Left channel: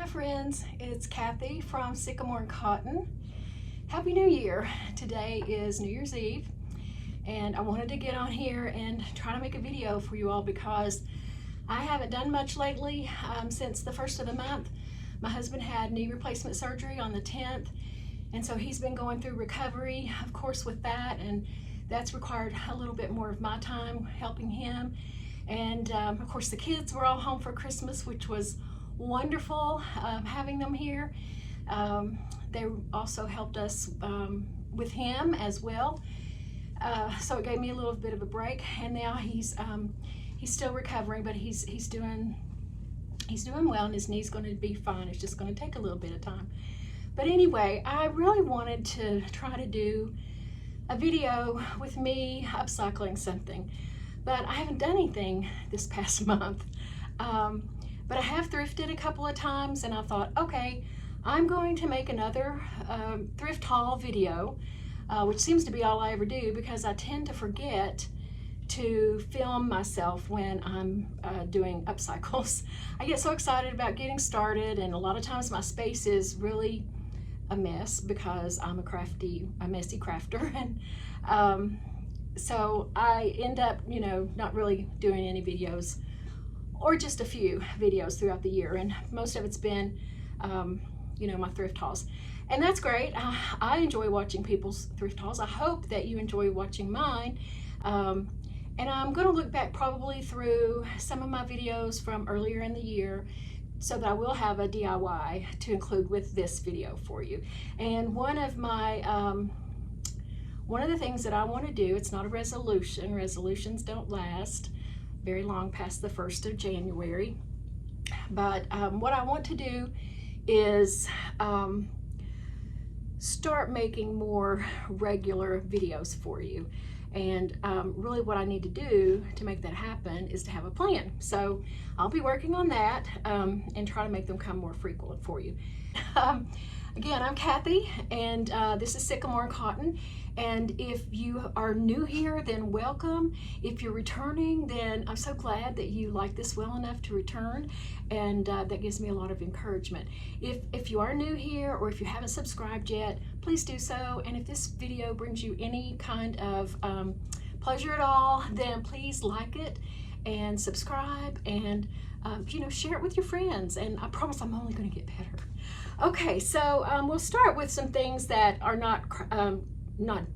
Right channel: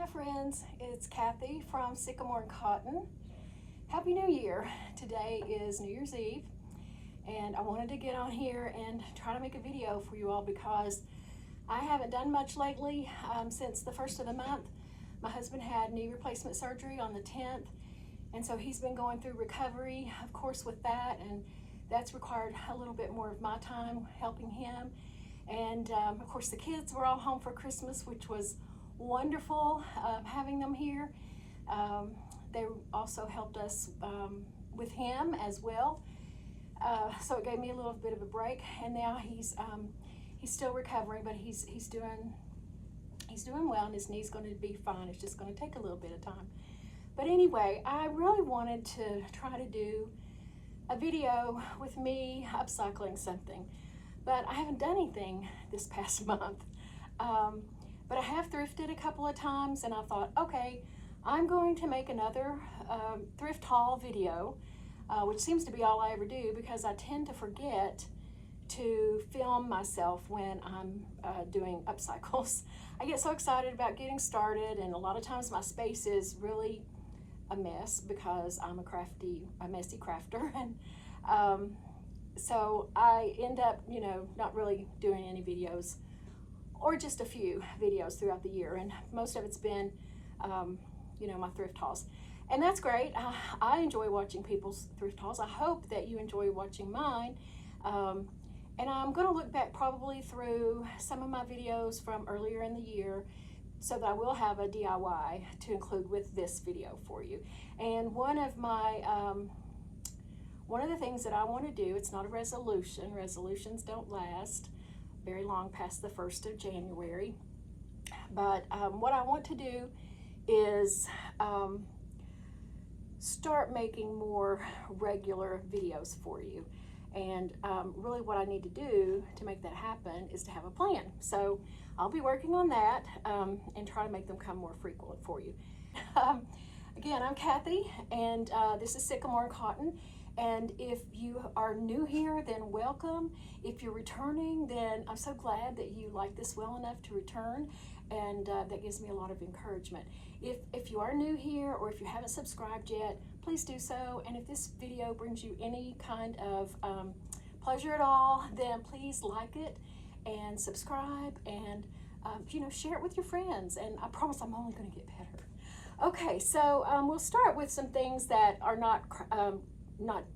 Hi friends, it's Kathy from Sycamore and Cotton. Happy New Year. Today is New Year's Eve and I wanted to get on here and try to make a video for you all because I haven't done much lately since the first of the month. My husband had knee replacement surgery on the 10th, and so he's been going through recovery, of course, with that, and that's required a little bit more of my time helping him. And of course the kids were all home for Christmas, which was wonderful having them here. They also helped us with him as well, so it gave me a little bit of a break. And now he's still recovering, but he's doing well, and his knee's going to be fine. It's just going to take a little bit of time. But anyway, I really wanted to try to do a video with me upcycling something, but I haven't done anything this past month. But I have thrifted a couple of times, and I thought, okay, I'm going to make another thrift haul video, which seems to be all I ever do because I tend to forget to film myself when I'm doing upcycles. I get so excited about getting started, and a lot of times my space is really a mess because I'm a messy crafter, and so I end up, not really doing any videos, or just a few videos throughout the year, and most of it's been, my thrift hauls. And that's great. I enjoy watching people's thrift hauls. I hope that you enjoy watching mine. And I'm going to look back probably through some of my videos from earlier in the year so that I will have a DIY to include with this video for you. And one of the things that I want to do, it's not a resolution. Resolutions don't last very long past the 1st of January. But what I want to do is start making more regular videos for you. And really what I need to do to make that happen is to have a plan. So I'll be working on that and try to make them come more frequent for you. Again, I'm Kathy, and this is Sycamore and Cotton. And if you are new here, then welcome. If you're returning, then I'm so glad that you like this well enough to return, and that gives me a lot of encouragement. If you are new here, or if you haven't subscribed yet, please do so. And if this video brings you any kind of pleasure at all, then please like it and subscribe, and share it with your friends. And I promise I'm only going to get better. Okay, so we'll start with some things that are not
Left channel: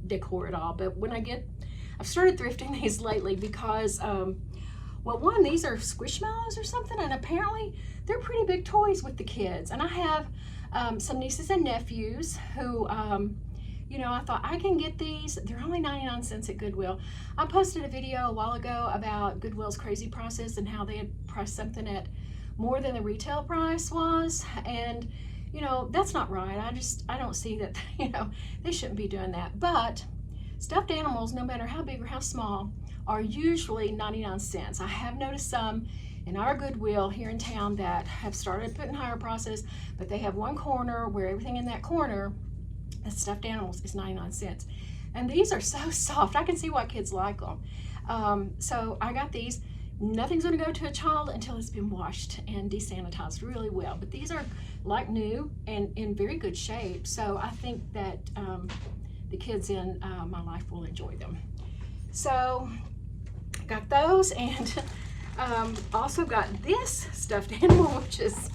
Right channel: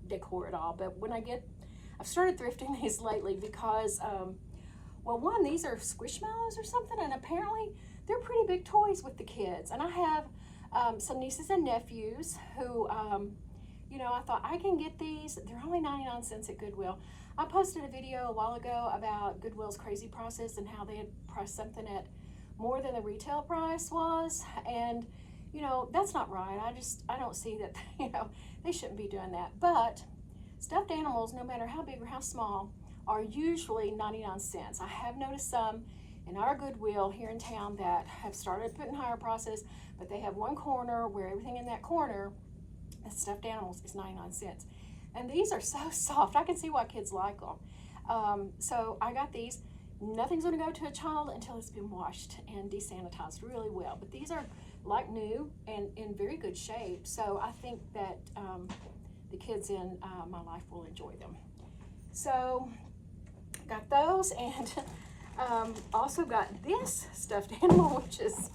decor at all, but I've started thrifting these lately because, well, one, these are Squishmallows or something, and apparently they're pretty big toys with the kids. And I have some nieces and nephews who, I thought I can get these. They're only 99 cents at Goodwill. I posted a video a while ago about Goodwill's crazy prices and how they had priced something at more than the retail price was, and that's not right. I don't see that, they shouldn't be doing that. But stuffed animals, no matter how big or how small, are usually 99 cents. I have noticed some in our Goodwill here in town that have started putting higher prices, but they have one corner where everything in that corner, the stuffed animals, is 99 cents. And these are so soft. I can see why kids like them. So I got these. Nothing's going to go to a child until it's been washed and desanitized really well. But these are like new and in very good shape. So I think that the kids in my life will enjoy them. So got those, and also got this stuffed animal, which is,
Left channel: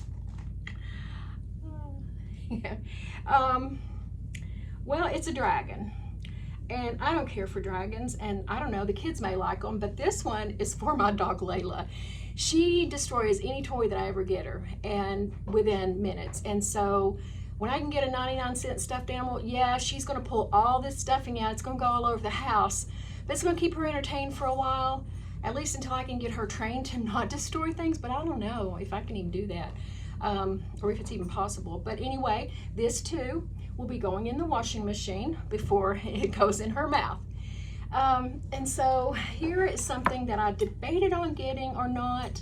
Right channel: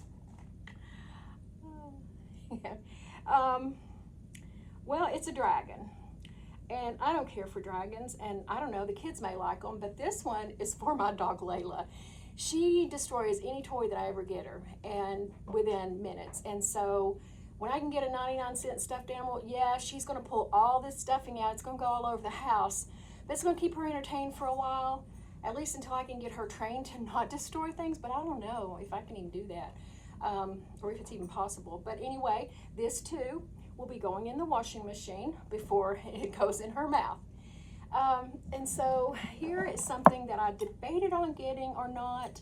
well, it's a dragon. And I don't care for dragons, and I don't know, the kids may like them, but this one is for my dog Layla. She destroys any toy that I ever get her, and within minutes. And so when I can get a 99-cent stuffed animal, yeah, she's gonna pull all this stuffing out. It's gonna go all over the house, but it's gonna keep her entertained for a while, at least until I can get her trained to not destroy things. But I don't know if I can even do that, or if it's even possible. But anyway, this too will be going in the washing machine before it goes in her mouth. And so here is something that I debated on getting or not,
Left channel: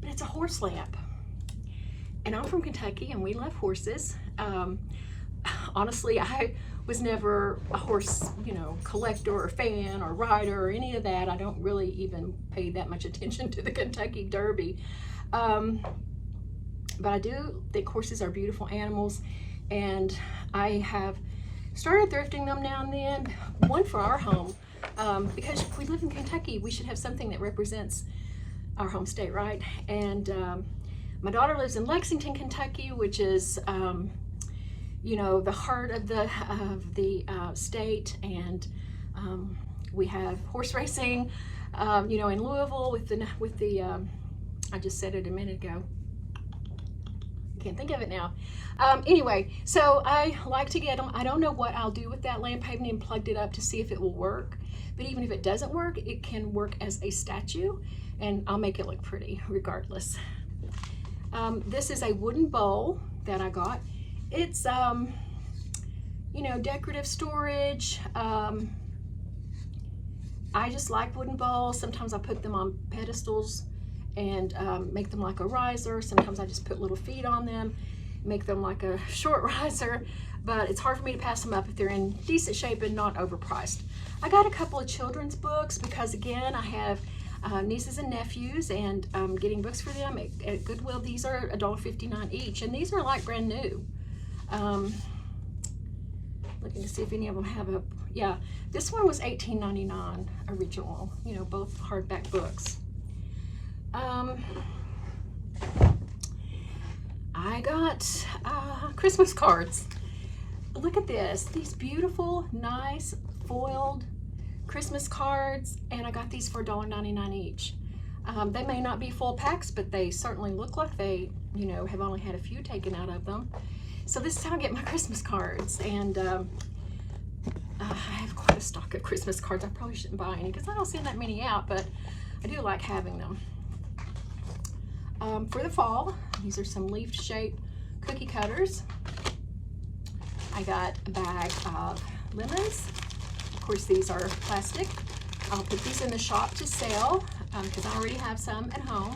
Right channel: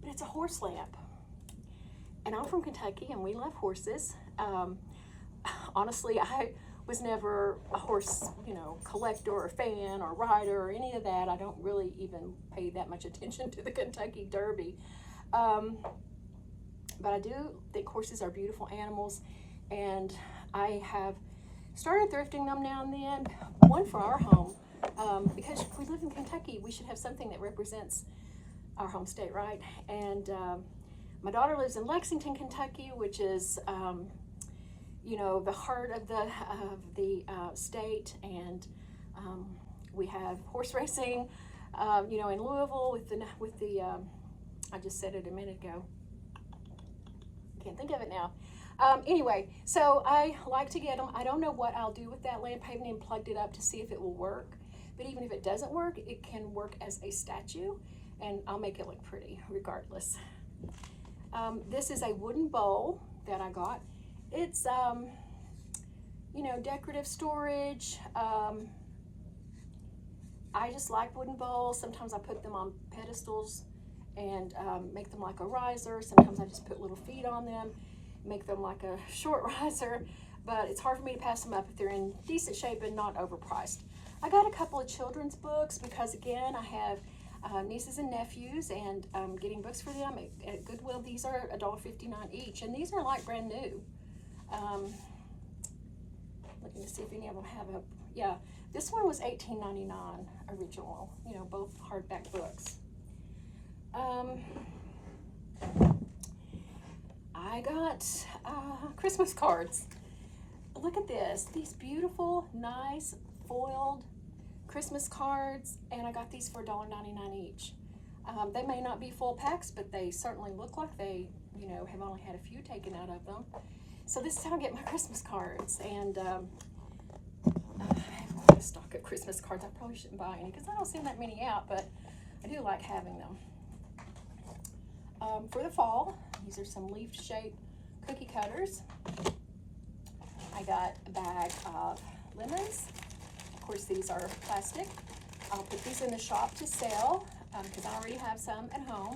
but it's a horse lamp. And I'm from Kentucky, and we love horses. Honestly, I was never a horse, collector or fan or rider or any of that. I don't really even pay that much attention to the Kentucky Derby. But I do think horses are beautiful animals, and I have started thrifting them now and then, one for our home, because if we live in Kentucky, we should have something that represents our home state, right? And my daughter lives in Lexington, Kentucky, which is, you know, the heart of the state, and we have horse racing, you know, in Louisville with the I just said it a minute ago. Can't think of it now. Anyway, so I like to get them. I don't know what I'll do with that lamp. I haven't even plugged it up to see if it will work. But even if it doesn't work, it can work as a statue, and I'll make it look pretty regardless. This is a wooden bowl that I got. It's, you know, decorative storage. I just like wooden bowls. Sometimes I put them on pedestals and make them like a riser. Sometimes I just put little feet on them, make them like a short riser, but it's hard for me to pass them up if they're in decent shape and not overpriced. I got a couple of children's books because, again, I have nieces and nephews, and getting books for them at Goodwill. These are $1.59 each, and these are like brand new. Looking to see if any of them have a, yeah, this one was $18.99 original, you know, both hardback books. I got Christmas cards. Look at this, these beautiful, nice, foiled Christmas cards, and I got these for $1.99 each. They may not be full packs, but they certainly look like they, you know, have only had a few taken out of them. So this is how I get my Christmas cards, and I have quite a stock of Christmas cards. I probably shouldn't buy any because I don't send that many out, but I do like having them. For the fall, these are some leaf-shaped cookie cutters. I got a bag of lemons. Of course, these are plastic. I'll put these in the shop to sell because I already have some at home,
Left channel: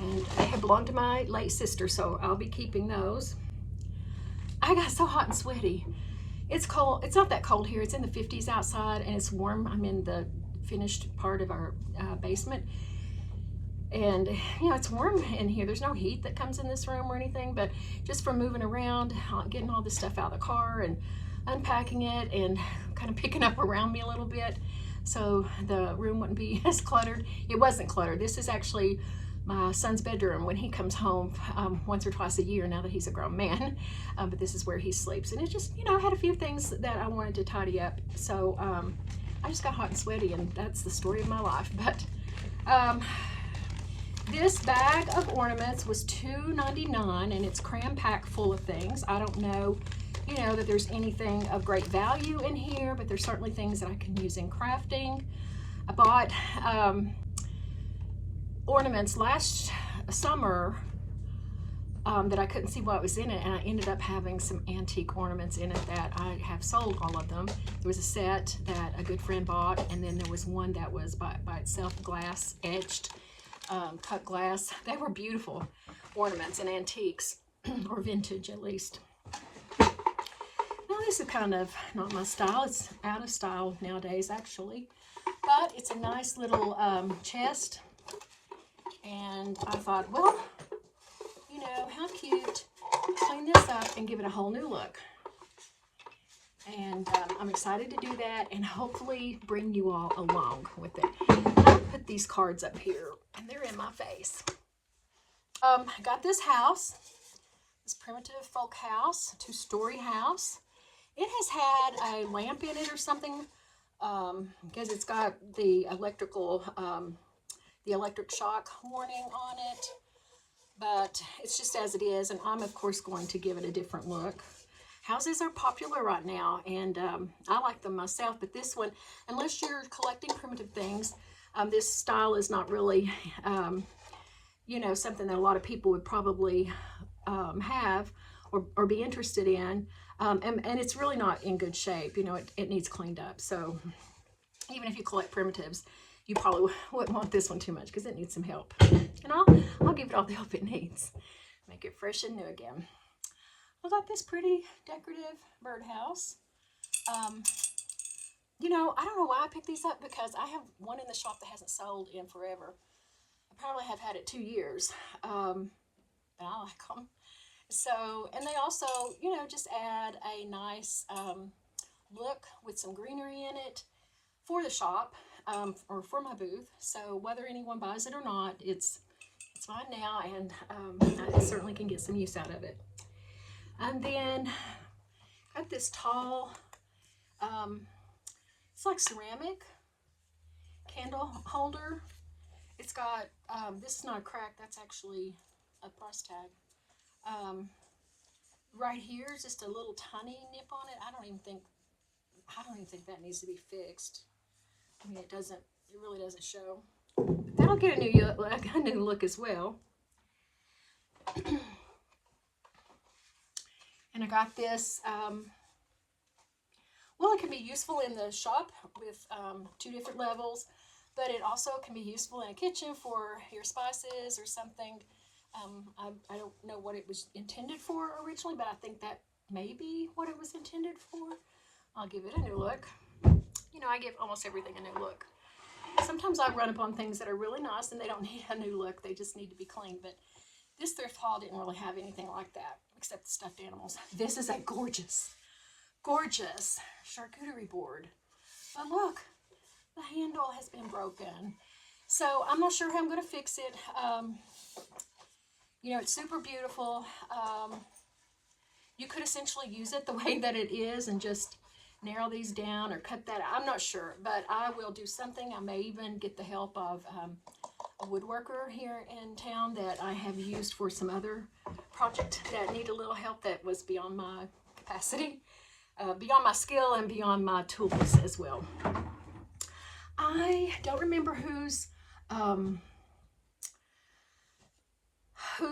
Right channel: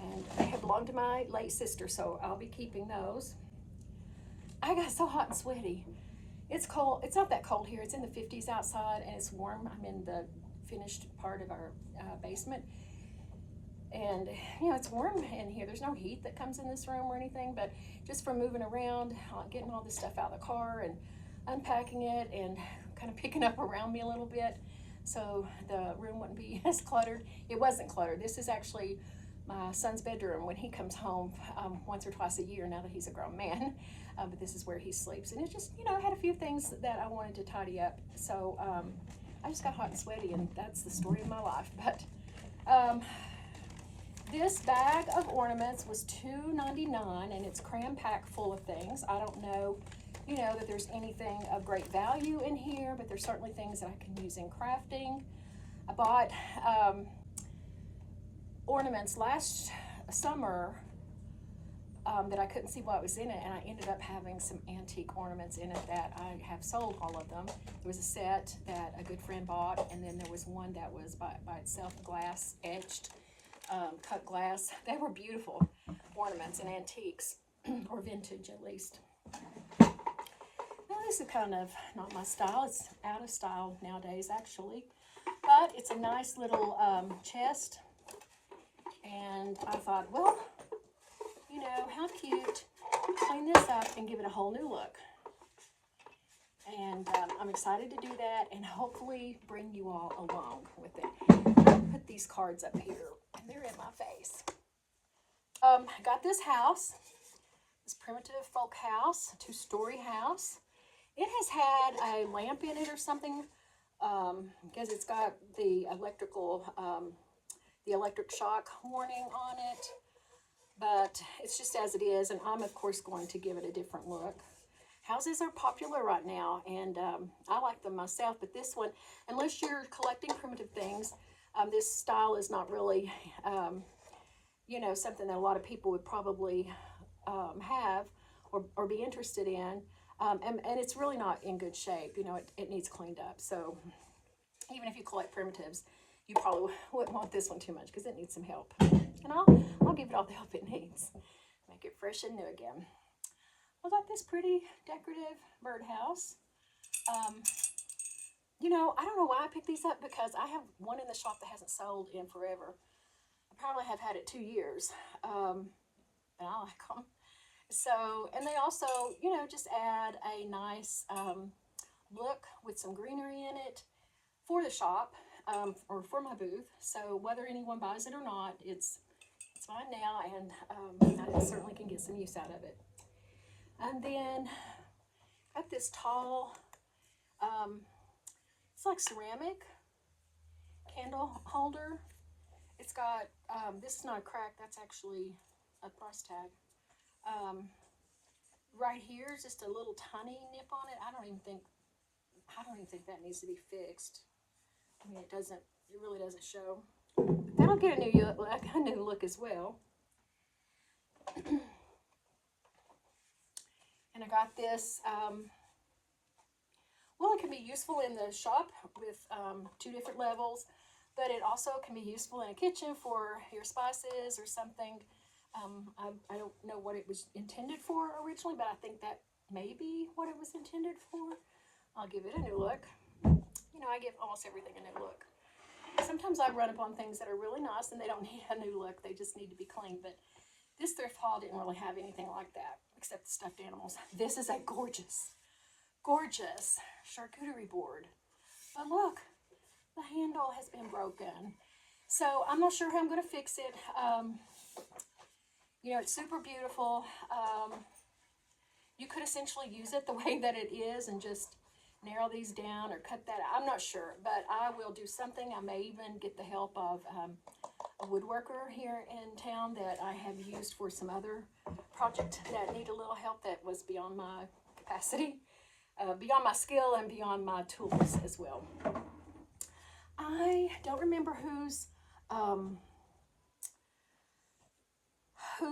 and they belong to my late sister, so I'll be keeping those. I got so hot and sweaty. It's cold. It's not that cold here. It's in the 50s outside, and it's warm. I'm in the finished part of our basement, and you know, it's warm in here. There's no heat that comes in this room or anything, but just from moving around, getting all this stuff out of the car and unpacking it and kind of picking up around me a little bit so the room wouldn't be as cluttered. It wasn't cluttered. This is actually my son's bedroom when he comes home once or twice a year now that he's a grown man, but this is where he sleeps. And it just, you know, I had a few things that I wanted to tidy up, so I just got hot and sweaty, and that's the story of my life. But this bag of ornaments was $2.99, and it's cram-packed full of things. I don't know, you know, that there's anything of great value in here, but there's certainly things that I can use in crafting. I bought ornaments last summer that I couldn't see what was in it, and I ended up having some antique ornaments in it that I have sold all of them. There was a set that a good friend bought, and then there was one that was by itself, glass etched, cut glass. They were beautiful ornaments and antiques, or vintage at least. Now this is kind of not my style. It's out of style nowadays actually, but it's a nice little chest. And I thought, well, you know, how cute, clean this up and give it a whole new look. And I'm excited to do that and hopefully bring you all along with it. I'll put these cards up here, and they're in my face. I got this house, this primitive folk house, two-story house. It has had a lamp in it or something because it's got the electrical the electric shock warning on it, but it's just as it is, and I'm of course going to give it a different look. Houses are popular right now, and I like them myself, but this one, unless you're collecting primitive things, this style is not really, you know, something that a lot of people would probably have or be interested in, and it's really not in good shape. You know, it needs cleaned up, so even if you collect primitives, you probably wouldn't want this one too much because it needs some help. And I'll give it all the help it needs. Make it fresh and new again. I got this pretty decorative birdhouse. You know, I don't know why I picked these up because I have one in the shop that hasn't sold in forever. I probably have had it 2 years. but I like them. So, and they also, you know, just add a nice look with some greenery in it for the shop, or for my booth. So whether anyone buys it or not, it's mine now, and I certainly can get some use out of it. And then got this tall, it's like ceramic candle holder. It's got, this is not a crack, that's actually a price tag. Right here is just a little tiny nip on it. I don't even think that needs to be fixed. I mean, it really doesn't show. That'll get a new look as well. And I got this, well, it can be useful in the shop with 2 different levels, but it also can be useful in a kitchen for your spices or something. I don't know what it was intended for originally, but I think that may be what it was intended for. I'll give it a new look. You know, I give almost everything a new look. Sometimes I run upon things that are really nice and they don't need a new look. They just need to be clean. But this thrift haul didn't really have anything like that, except the stuffed animals. This is a gorgeous, gorgeous charcuterie board. But look, the handle has been broken. So I'm not sure how I'm going to fix it. You know, it's super beautiful. You could essentially use it the way that it is and just narrow these down or cut that out. I'm not sure, but I will do something. I may even get the help of a woodworker here in town that I have used for some other project that need a little help that was beyond my capacity, beyond my skill and beyond my tools as well. I don't remember whose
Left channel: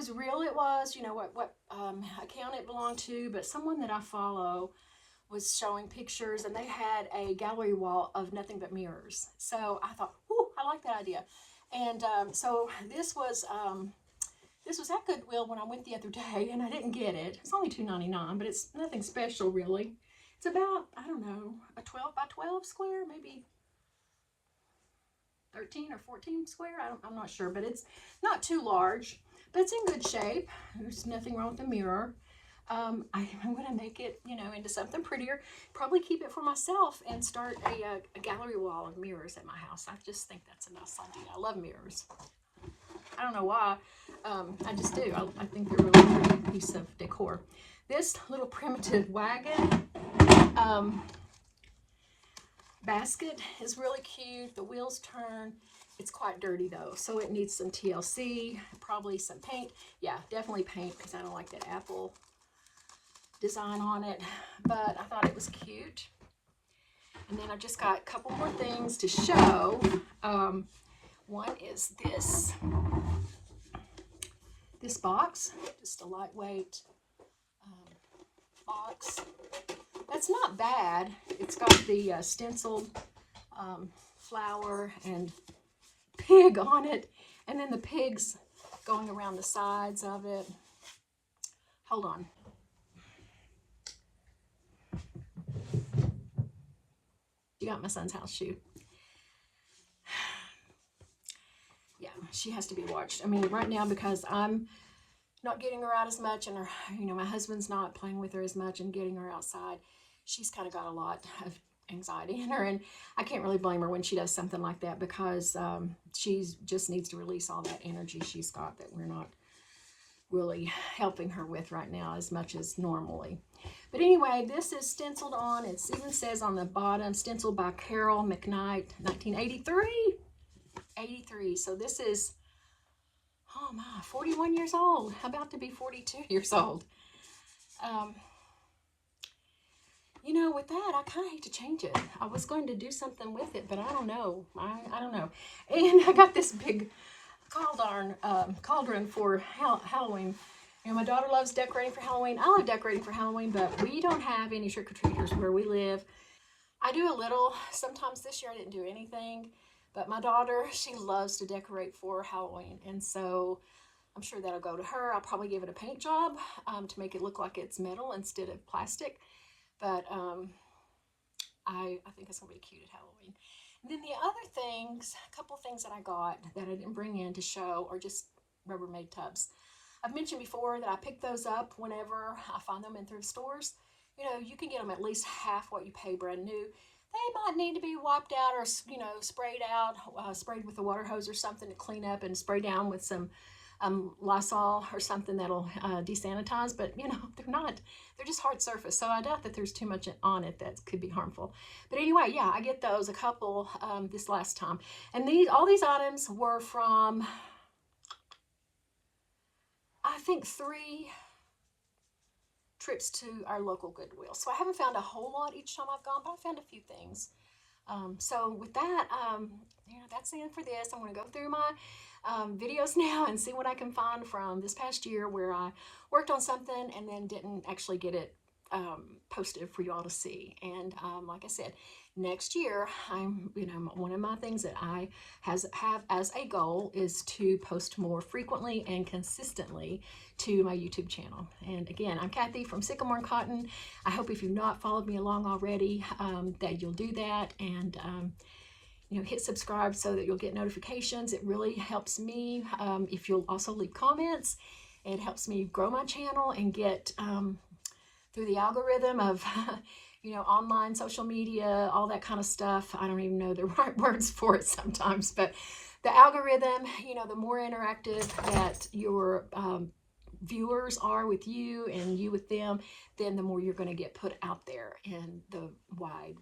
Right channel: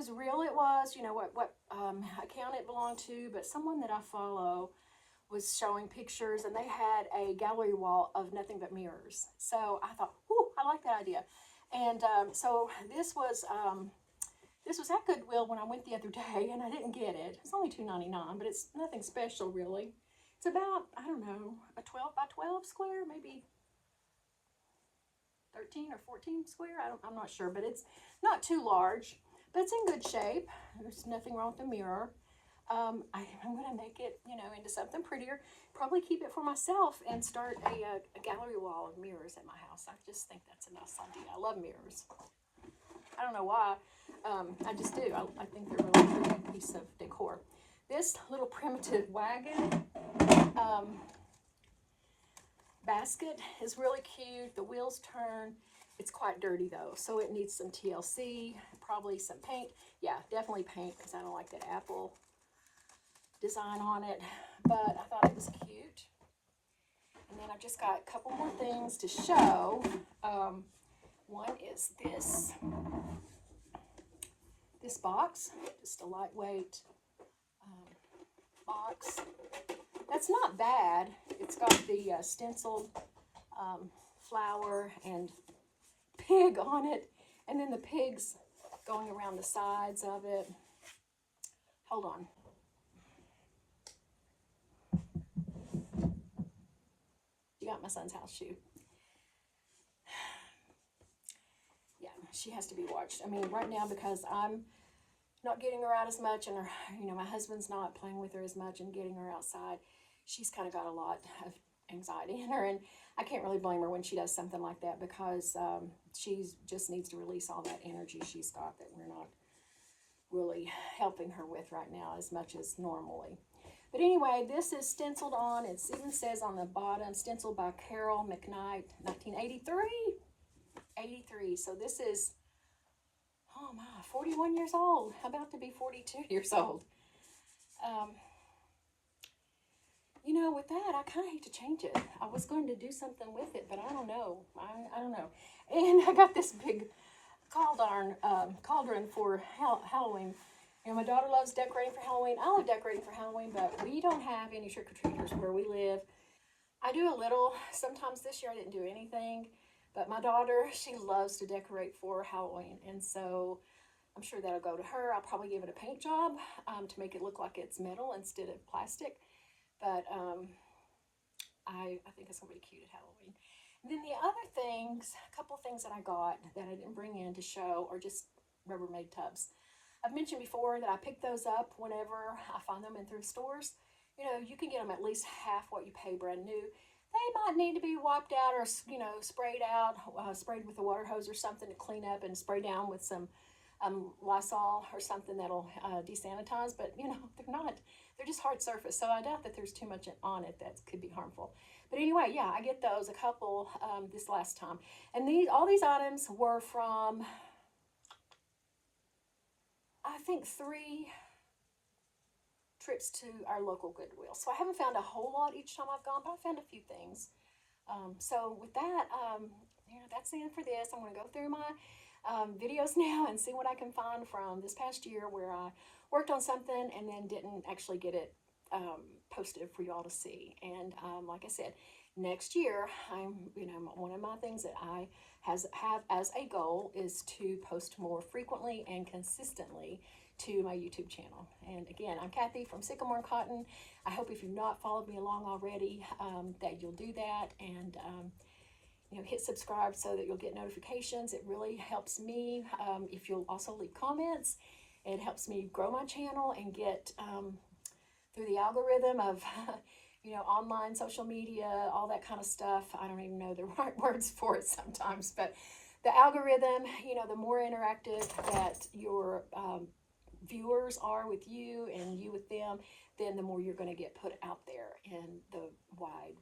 reel it was, you know, what account it belonged to, but someone that I follow was showing pictures, and they had a gallery wall of nothing but mirrors. So I thought, whoo, I like that idea. And so this was at Goodwill when I went the other day, and I didn't get it. It's only $2.99, but it's nothing special really. It's about, I don't know, a 12 by 12 square, maybe 13 or 14 square. I'm not sure, but it's not too large, but it's in good shape. There's nothing wrong with the mirror. I'm going to make it, you know, into something prettier. Probably keep it for myself and start a gallery wall of mirrors at my house. I just think that's a nice idea. I love mirrors. I don't know why. I just do. I think they're a really pretty piece of decor. This little primitive wagon basket is really cute. The wheels turn. It's quite dirty though, so it needs some TLC, probably some paint. Yeah, definitely paint, because I don't like that apple design on it, but I thought it was cute. And then I've just got a couple more things to show. One is this box, just a lightweight box. That's not bad. It's got the stenciled flower and pig on it, and then the pigs going around the sides of it. Hold on. You got my son's house shoe. Yeah, she has to be watched. I mean, right now, because I'm not getting her out as much, and her, you know, my husband's not playing with her as much and getting her outside, she's kind of got a lot of anxiety in her, and I can't really blame her when she does something like that, because she just needs to release all that energy she's got that we're not really helping her with right now as much as normally. But anyway, this is stenciled on. It even says on the bottom, stenciled by Carol McKnight, 1983. 83. So this is, oh my, 41 years old. About to be 42 years old. You know, with that, I kind of hate to change it. I was going to do something with it, but I don't know. I don't know. And I got this big cauldron for Halloween. You know, my daughter loves decorating for Halloween. I love decorating for Halloween, but we don't have any trick-or-treaters where we live. I do a little. Sometimes this year I didn't do anything, but my daughter, she loves to decorate for Halloween, and so I'm sure that'll go to her. I'll probably give it a paint job to make it look like it's metal instead of plastic, but I think it's going to be cute at Halloween. And then the other things, a couple things that I got that I didn't bring in to show are just Rubbermaid tubs. I've mentioned before that I pick those up whenever I find them in thrift stores. You know, you can get them at least half what you pay brand new. They might need to be wiped out or, you know, sprayed out, sprayed with a water hose or something to clean up, and spray down with some Lysol or something that'll desanitize. But, you know, they're just hard surface. So I doubt that there's too much on it that could be harmful. But anyway, yeah, I get those, a couple this last time. And all these items were from, I think, 3 trips to our local Goodwill. So I haven't found a whole lot each time I've gone, but I found a few things. So with that, you know, that's the end for this. I'm going to go through my videos now and see what I can find from this past year where I worked on something and then didn't actually get it posted for you all to see. And like I said, next year, you know, one of my things that I have as a goal is to post more frequently and consistently to my YouTube channel. And again, I'm Kathy from Sycamore and Cotton. I hope if you've not followed me along already, that you'll do that, and you know, hit subscribe so that you'll get notifications. It really helps me. If you'll also leave comments, it helps me grow my channel and get through the algorithm of you know, online social media, all that kind of stuff. I don't even know the right words for it sometimes, but the algorithm, you know, the more interactive that your viewers are with you and you with them, then the more you're going to get put out there in the wide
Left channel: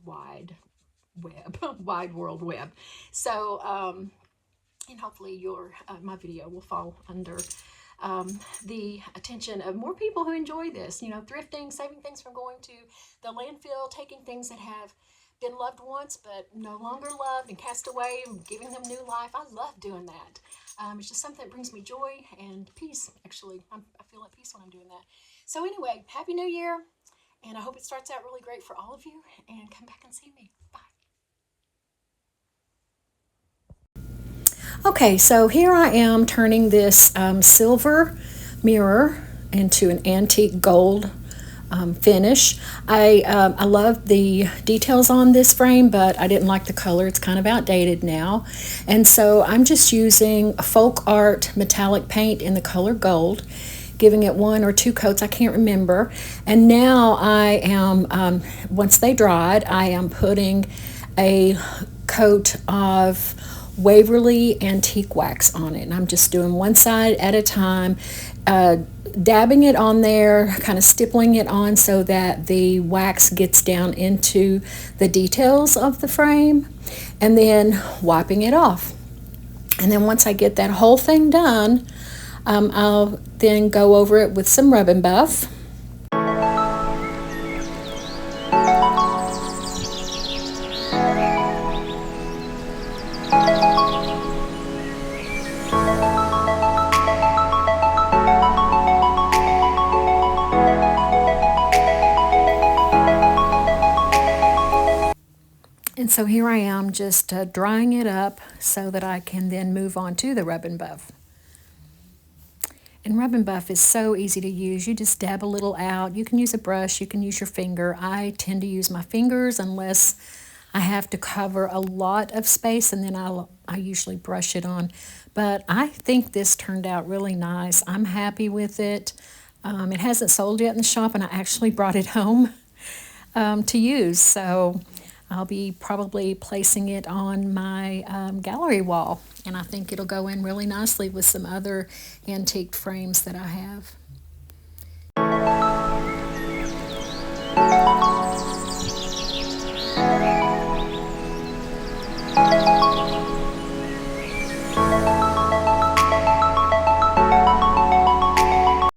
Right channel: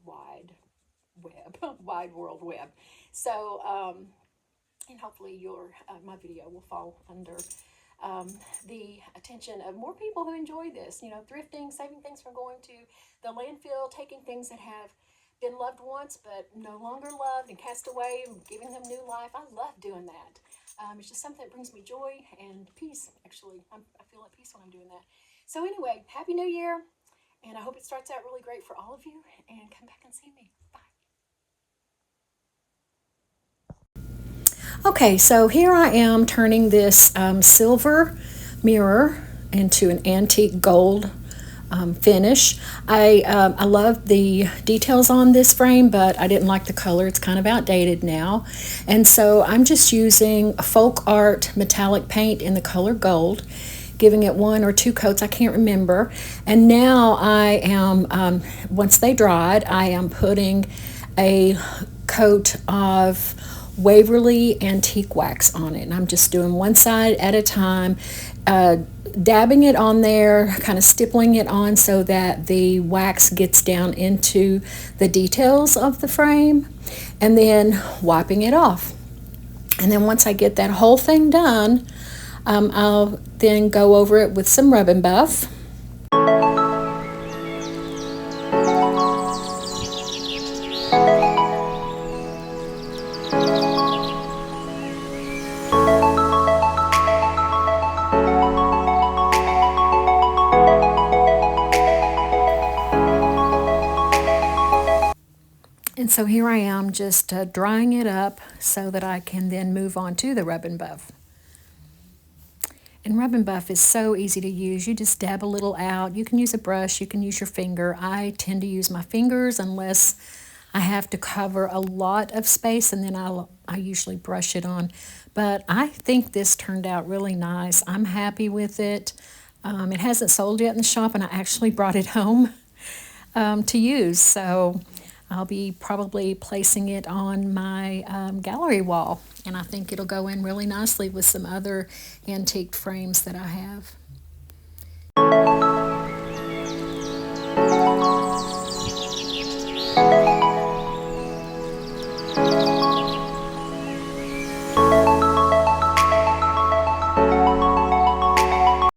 world web. So and hopefully my video will fall under the attention of more people who enjoy this, you know, thrifting, saving things from going to the landfill, taking things that have been loved once but no longer loved and cast away, and giving them new life. I love doing that. It's just something that brings me joy and peace. Actually, I feel at peace when I'm doing that. So anyway, Happy New Year, and I hope it starts out really great for all of you, and come back and see me. Bye. Okay, so here I am turning this silver mirror into an antique gold finish. I love the details on this frame, but I didn't like the color. It's kind of outdated now. And so I'm just using folk art metallic paint in the color gold, giving it 1 or 2 coats, I can't remember. And now I am, once they dried, I am putting a coat of Waverly antique wax on it. And I'm just doing one side at a time, dabbing it on there, kind of stippling it on so that the wax gets down into the details of the frame, and then wiping it off. And then once I get that whole thing done, I'll then go over it with some rub and buff. And so here I am just drying it up so that I can then move on to the rub and buff. And rub and buff is so easy to use. You just dab a little out. You can use a brush, you can use your finger. I tend to use my fingers unless I have to cover a lot of space, and then I usually brush it on. But I think this turned out really nice. I'm happy with it. It hasn't sold yet in the shop, and I actually brought it home to use. So I'll be probably placing it on my gallery wall, and I think it'll go in really nicely with some other antique frames that I have.